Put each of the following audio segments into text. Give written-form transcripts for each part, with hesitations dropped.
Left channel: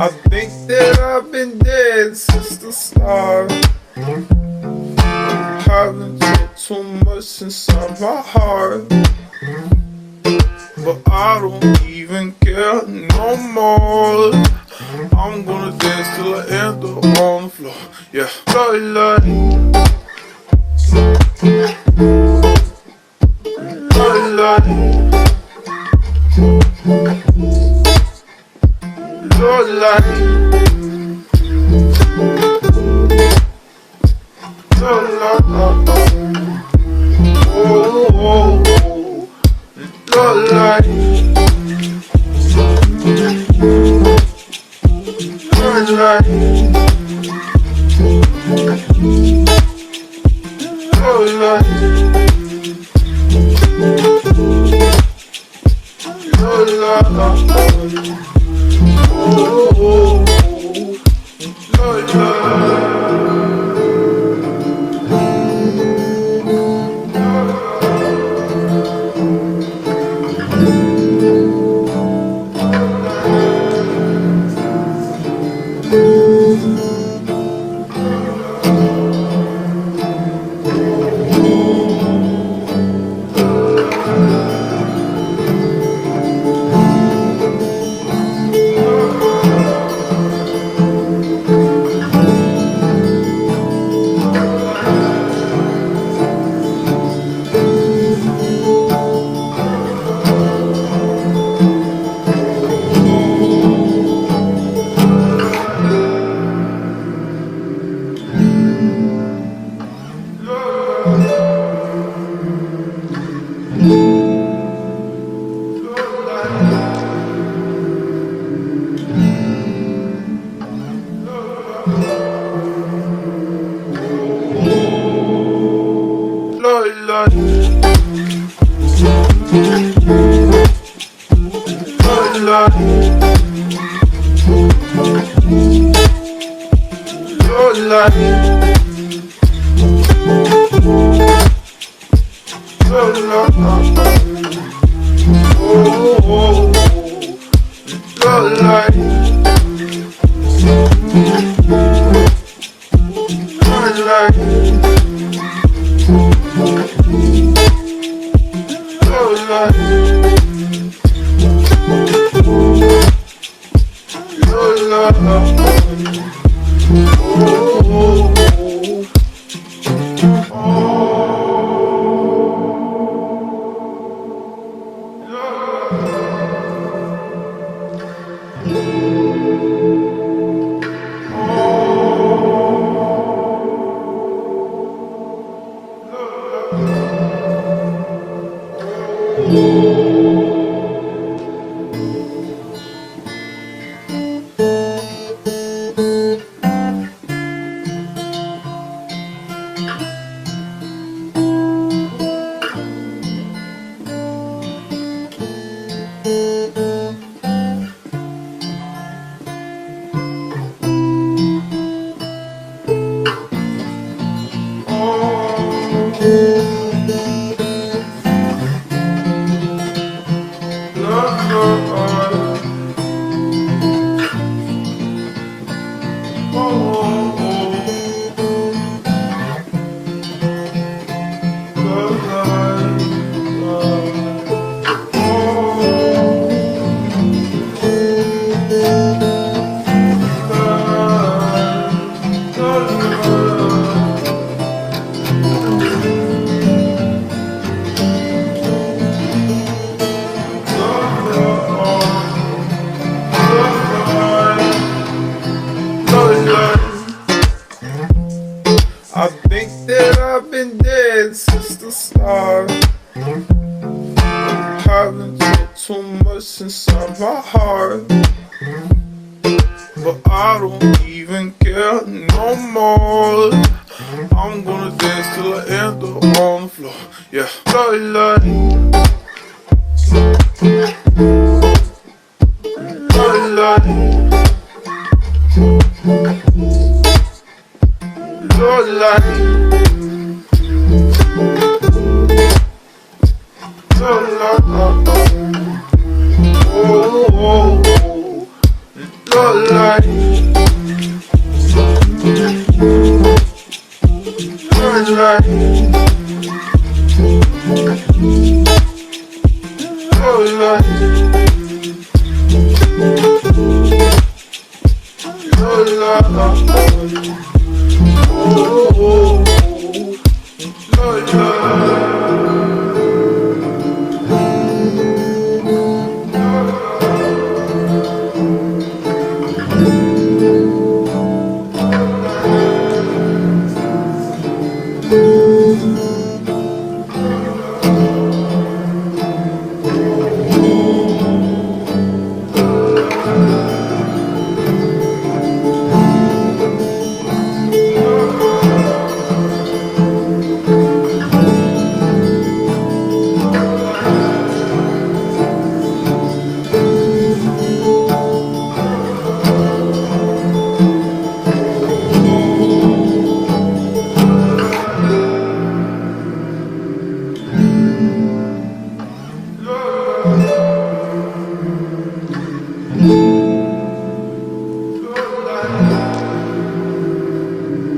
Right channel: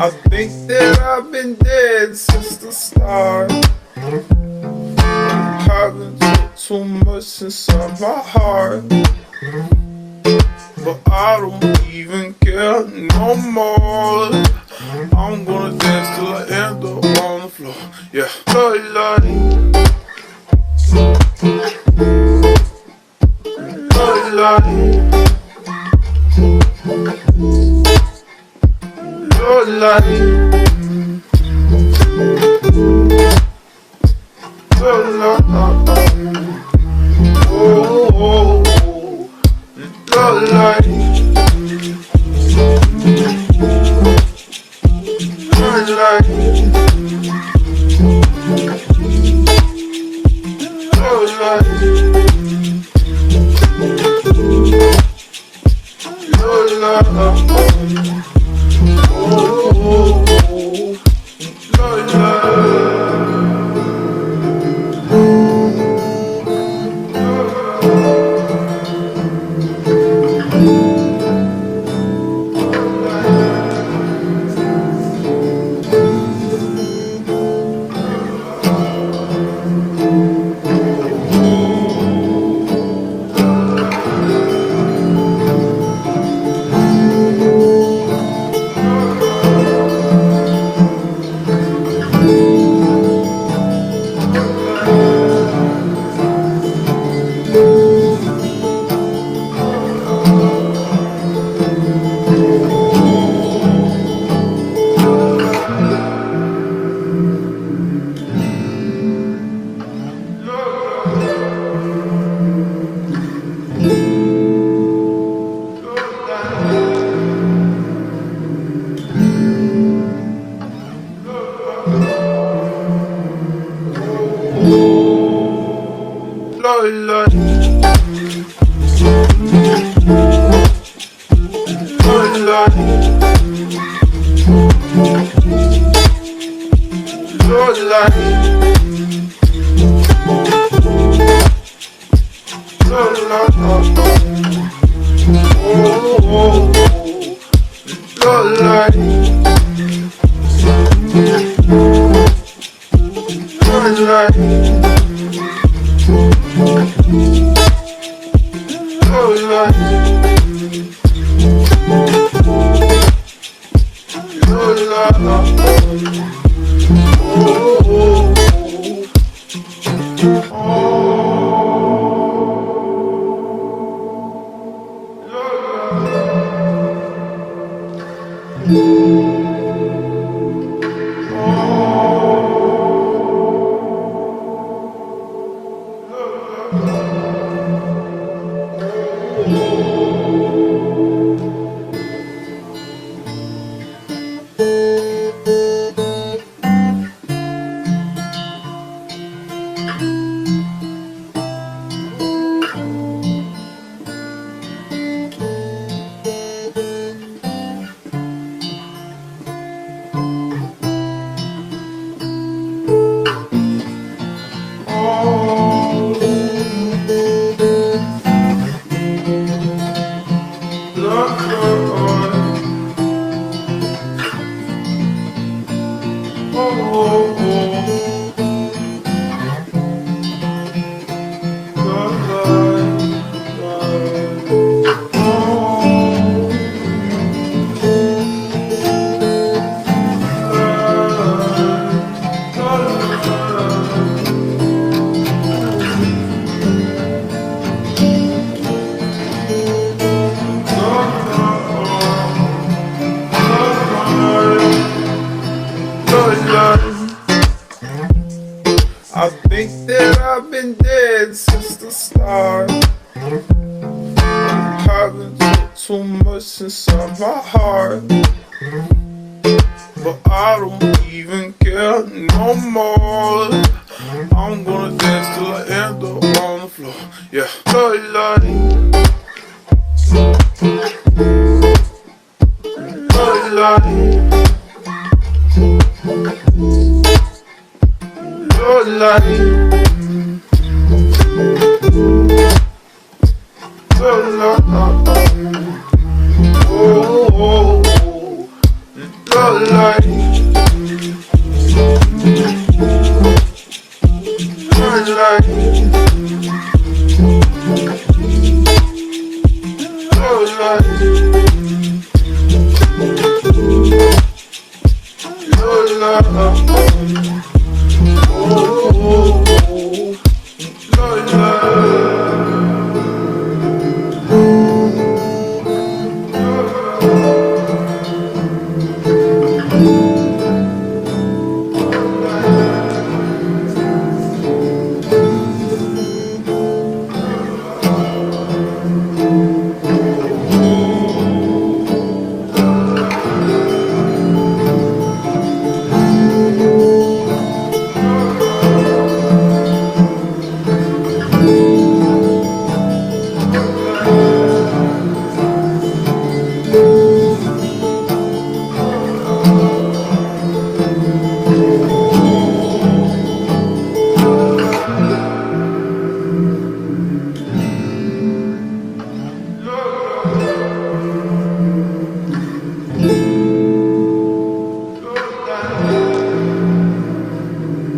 I think that I've been dead since the start. Haven't took too much inside my heart, but I don't even care no more. I'm gonna dance till I end up on the floor. Yeah, like, since the start. Haven't took too much inside my heart, but I don't even care no more. I'm gonna dance till I end up on the floor. Yeah, love like, love like, love like, love like, oh, oh, oh. Love like, love like, love like, love like, oh, oh, oh. Love like. Love like,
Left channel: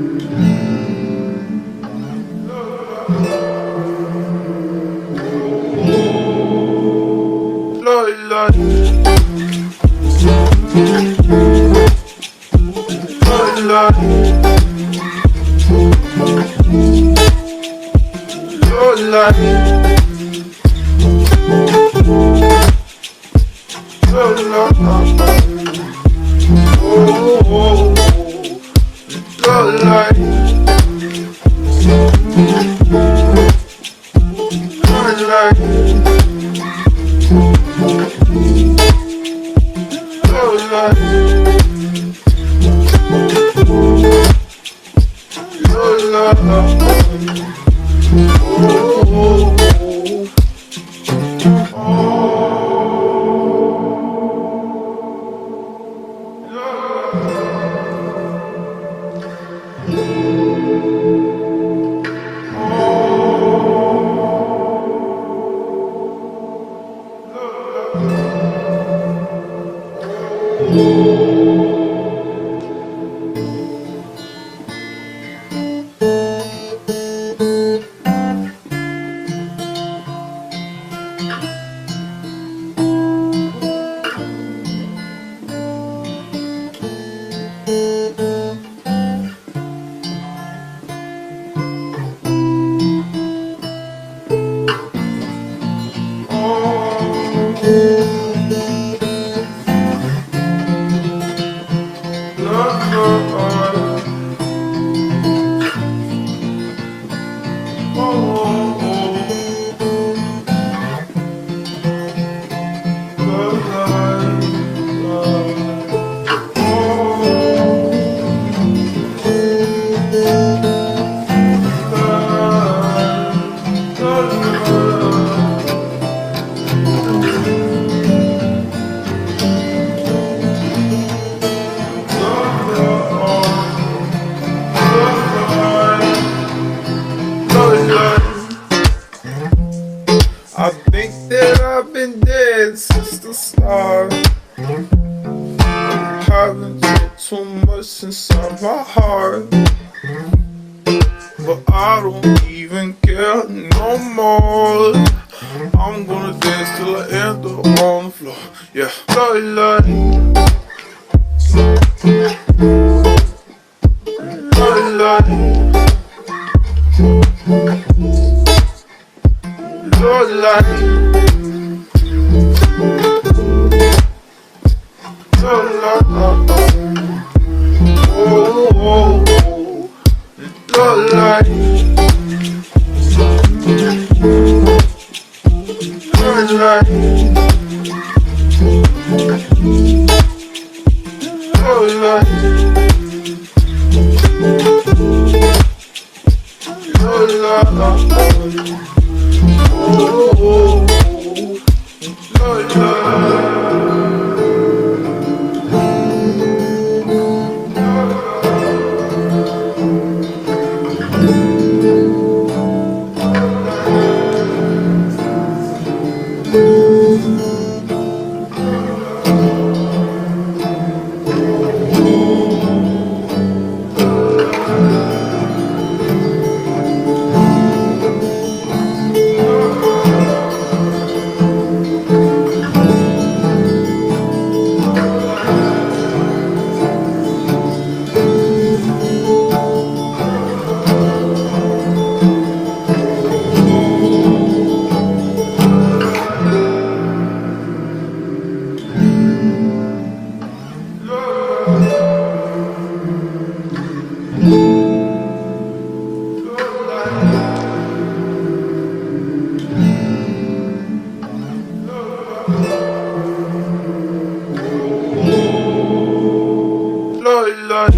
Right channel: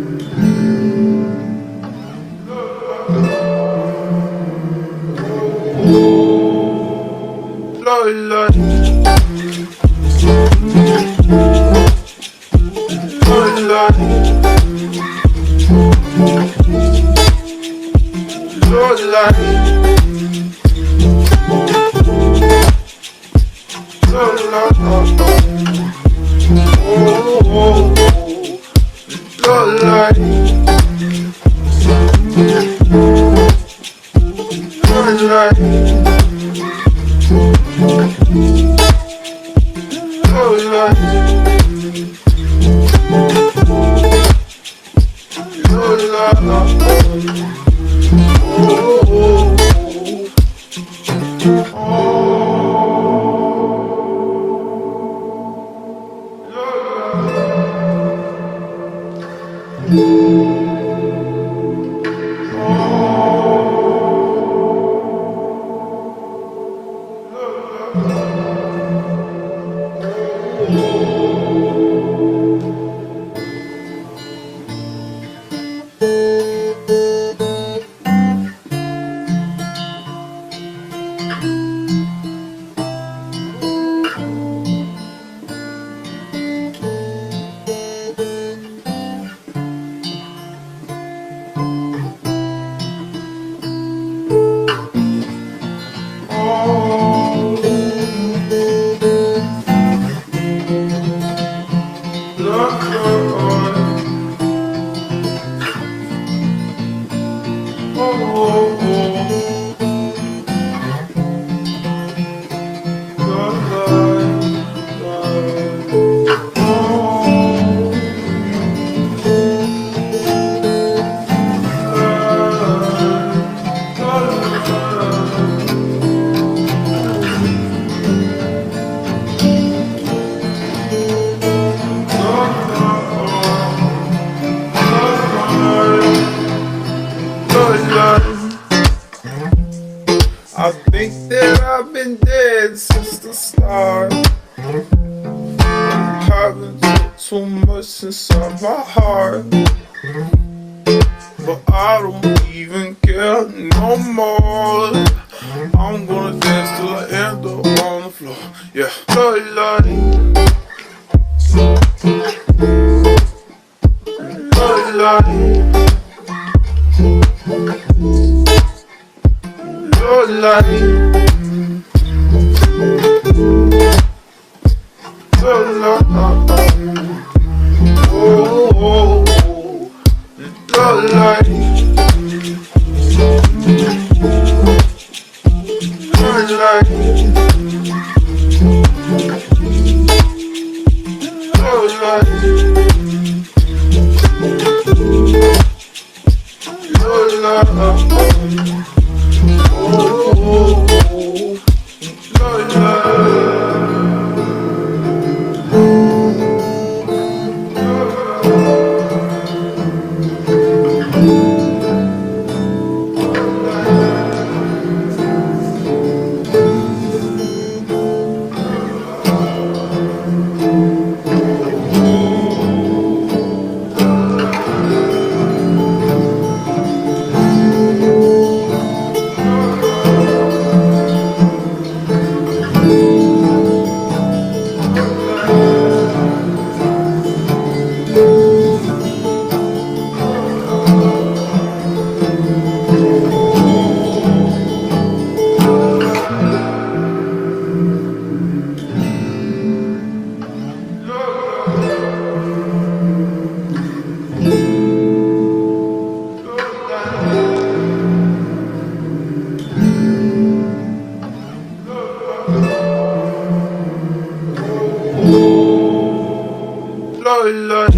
love like, love like, love like, oh, oh, oh. Love like, love like, love like, love like, oh, oh, I think that I've been dead since the start. Haven't took too much inside my heart, but I don't even care no more. I'm gonna dance till I end up on the floor. Yeah, love like, love like, love like, love like, oh, oh, oh. Love like, light, your light, your light, oh, your light. Lord, Lord,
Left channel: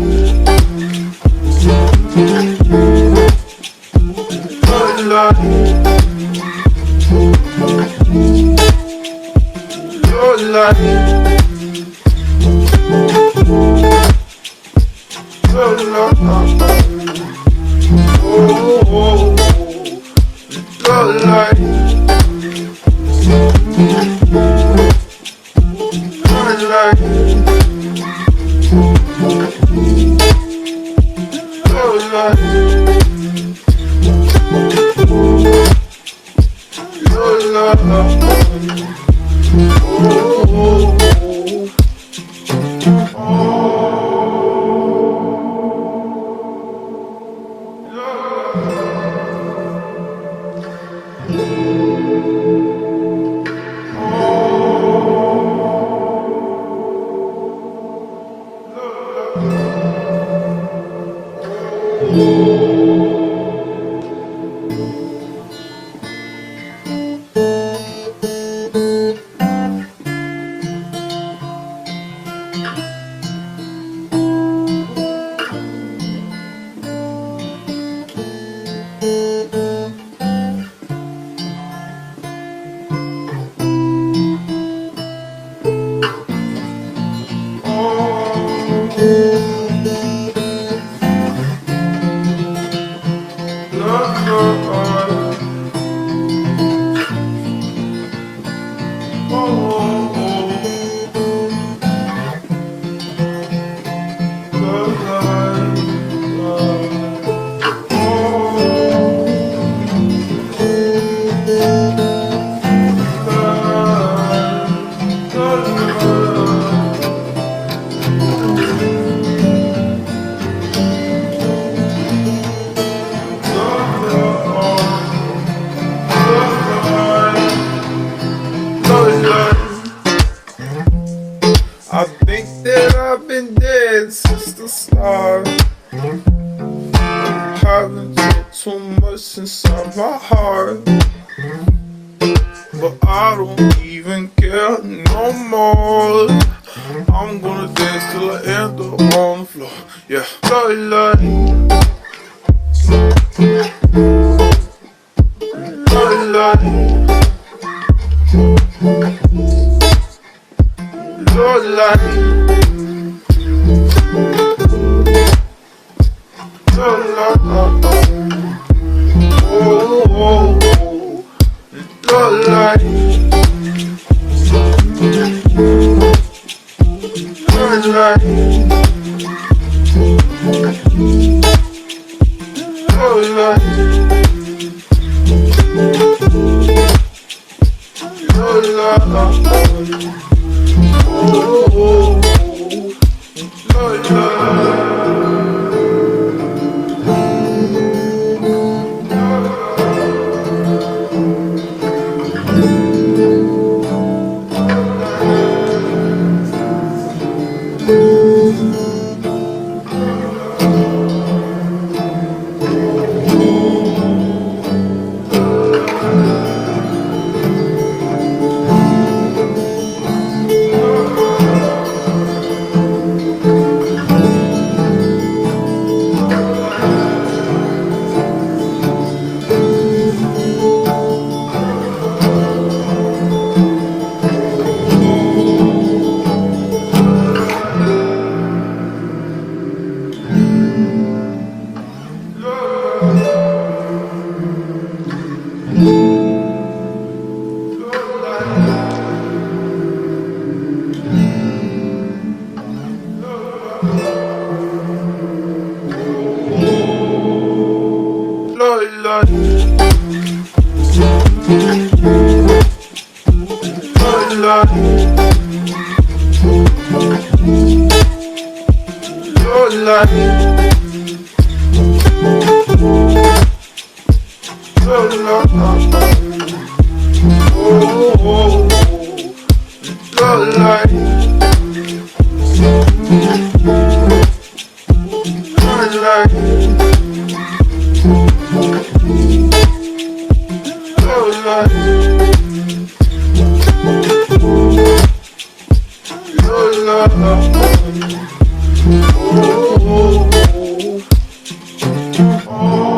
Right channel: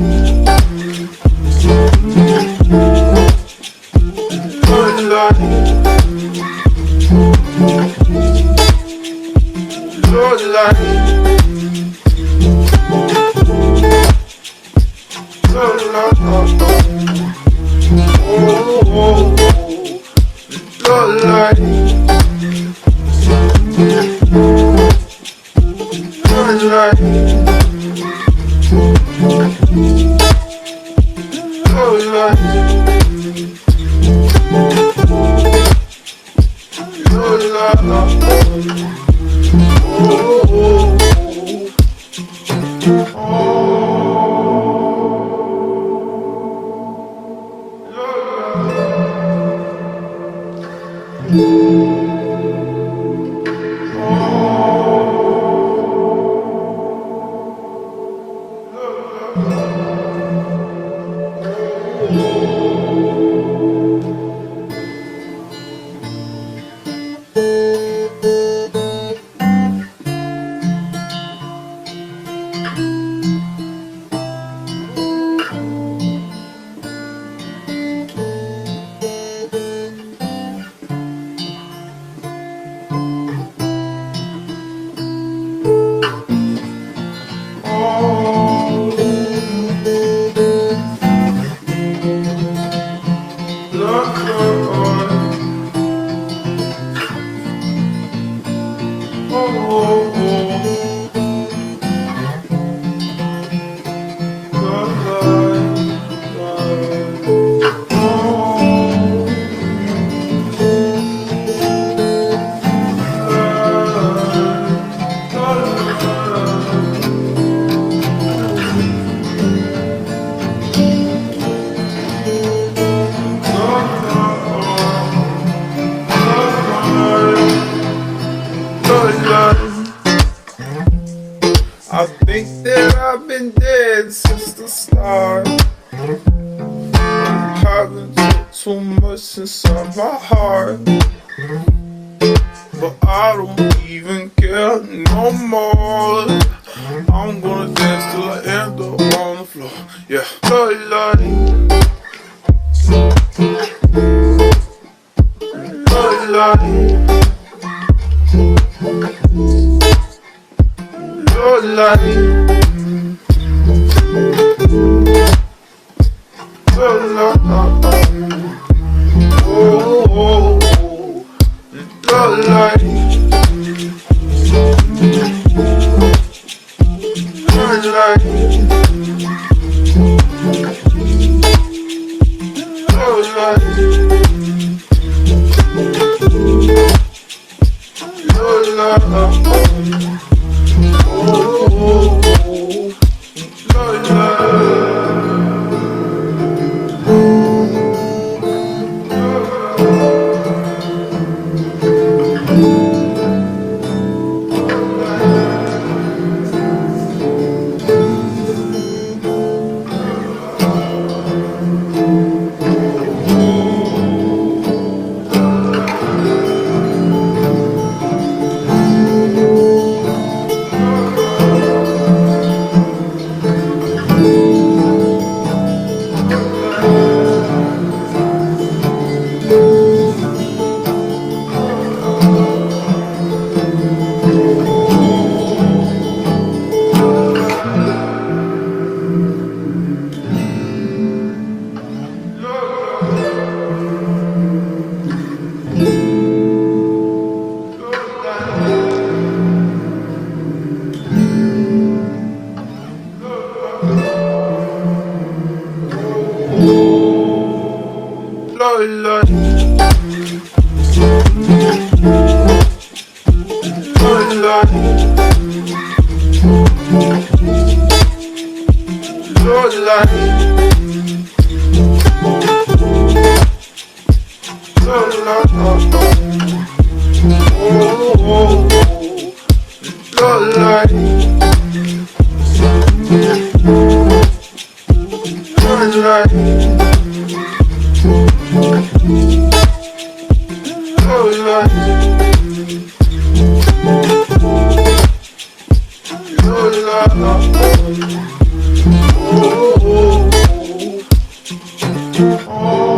Lord, Lord, Lord, Lord, Lord, Lord, oh, Lord, Lord, Lord, Lord. Lord, Lord, Lord, I think that I've been dead since the start. Haven't took too much inside my heart, but I don't even care no more. I'm gonna dance till I end up on the floor. Yeah, Lord, Lord, Lord, Lord, Lord, Lord, Lord, Lord, oh, Lord, Lord, Lord, Lord, Lord, Lord, Lord, Lord, oh, Lord, Lord. Oh, look like, look like, look like, look like, oh.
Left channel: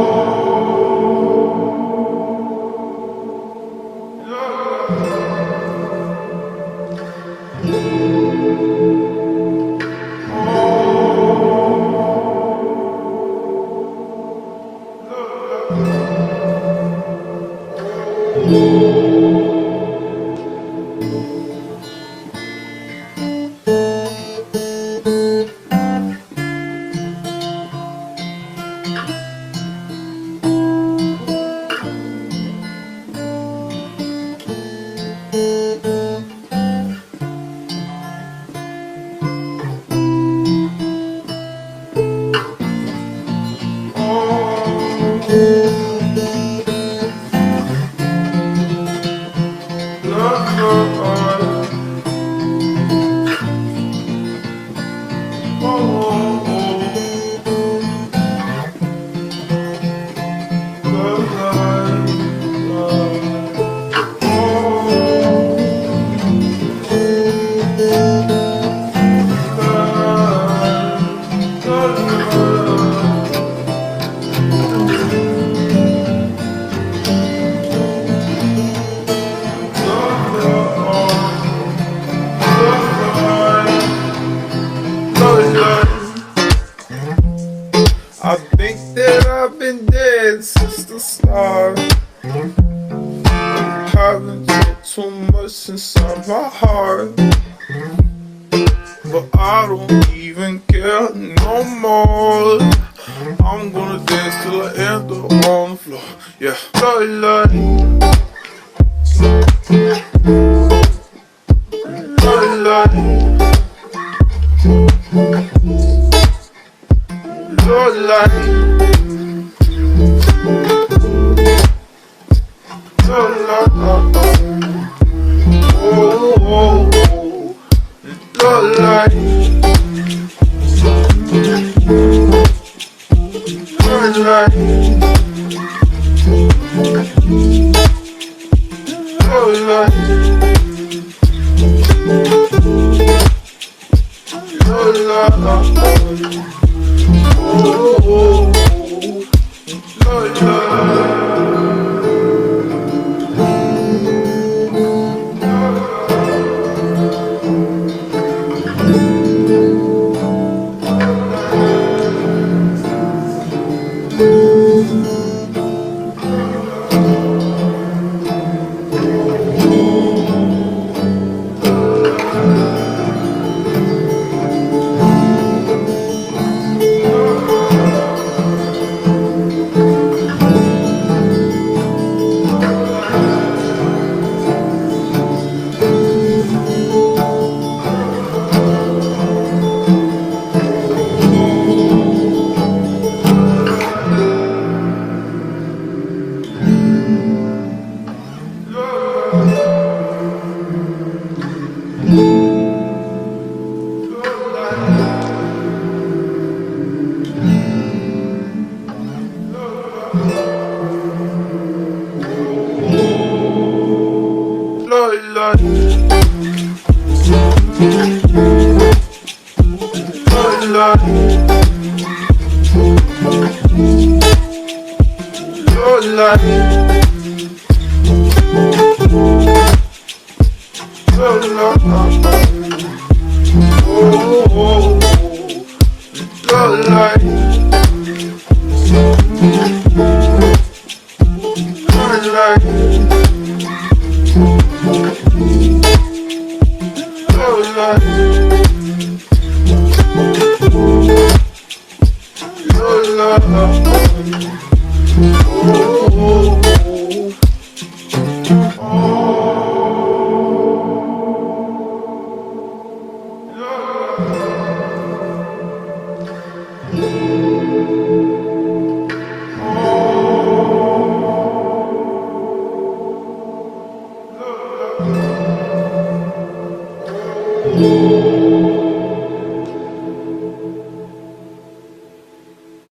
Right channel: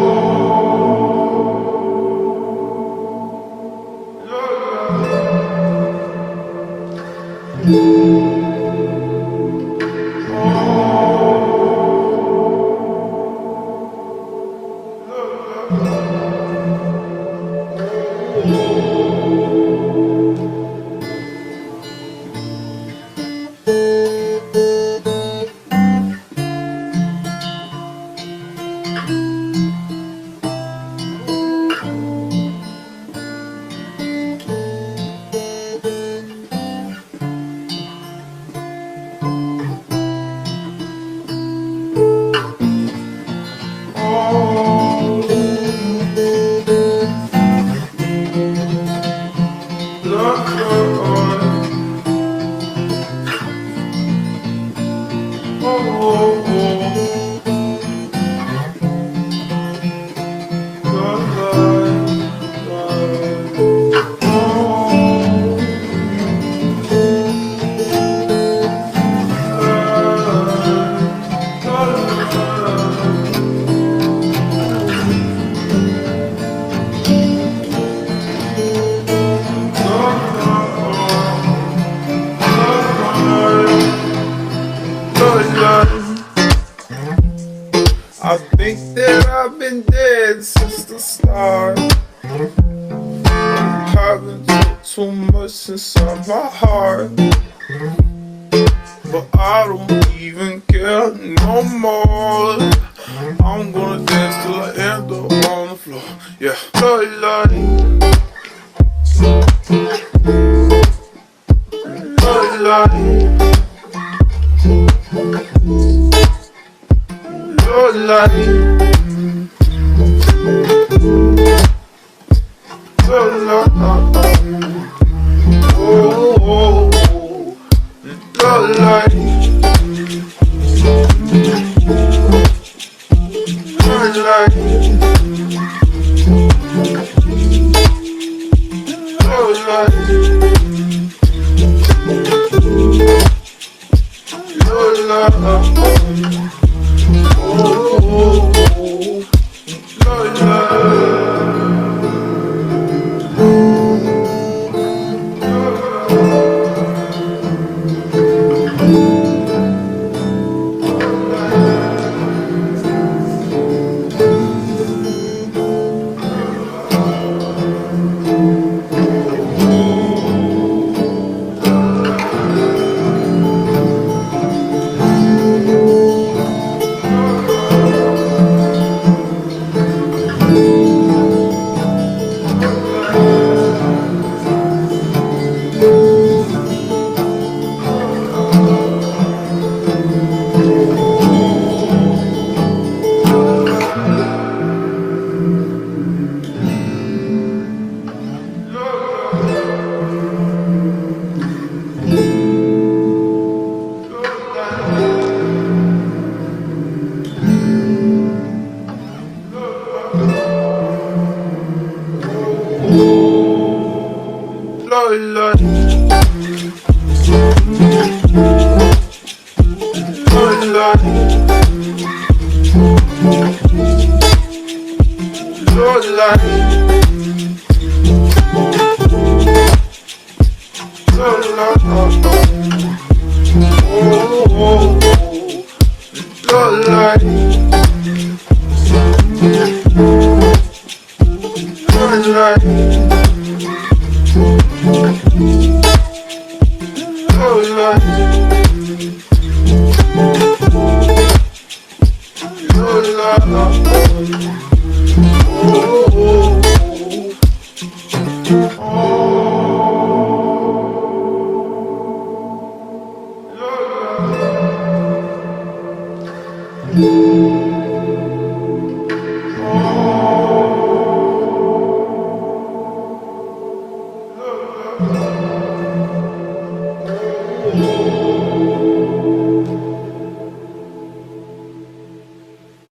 I think that I've been dead since the start. Haven't took too much inside my heart, but I don't even care no more. I'm gonna dance till I end up on the floor. Yeah, look like, look like, look like, look like, oh, look like, look like, look like, look like, oh, look like. Oh,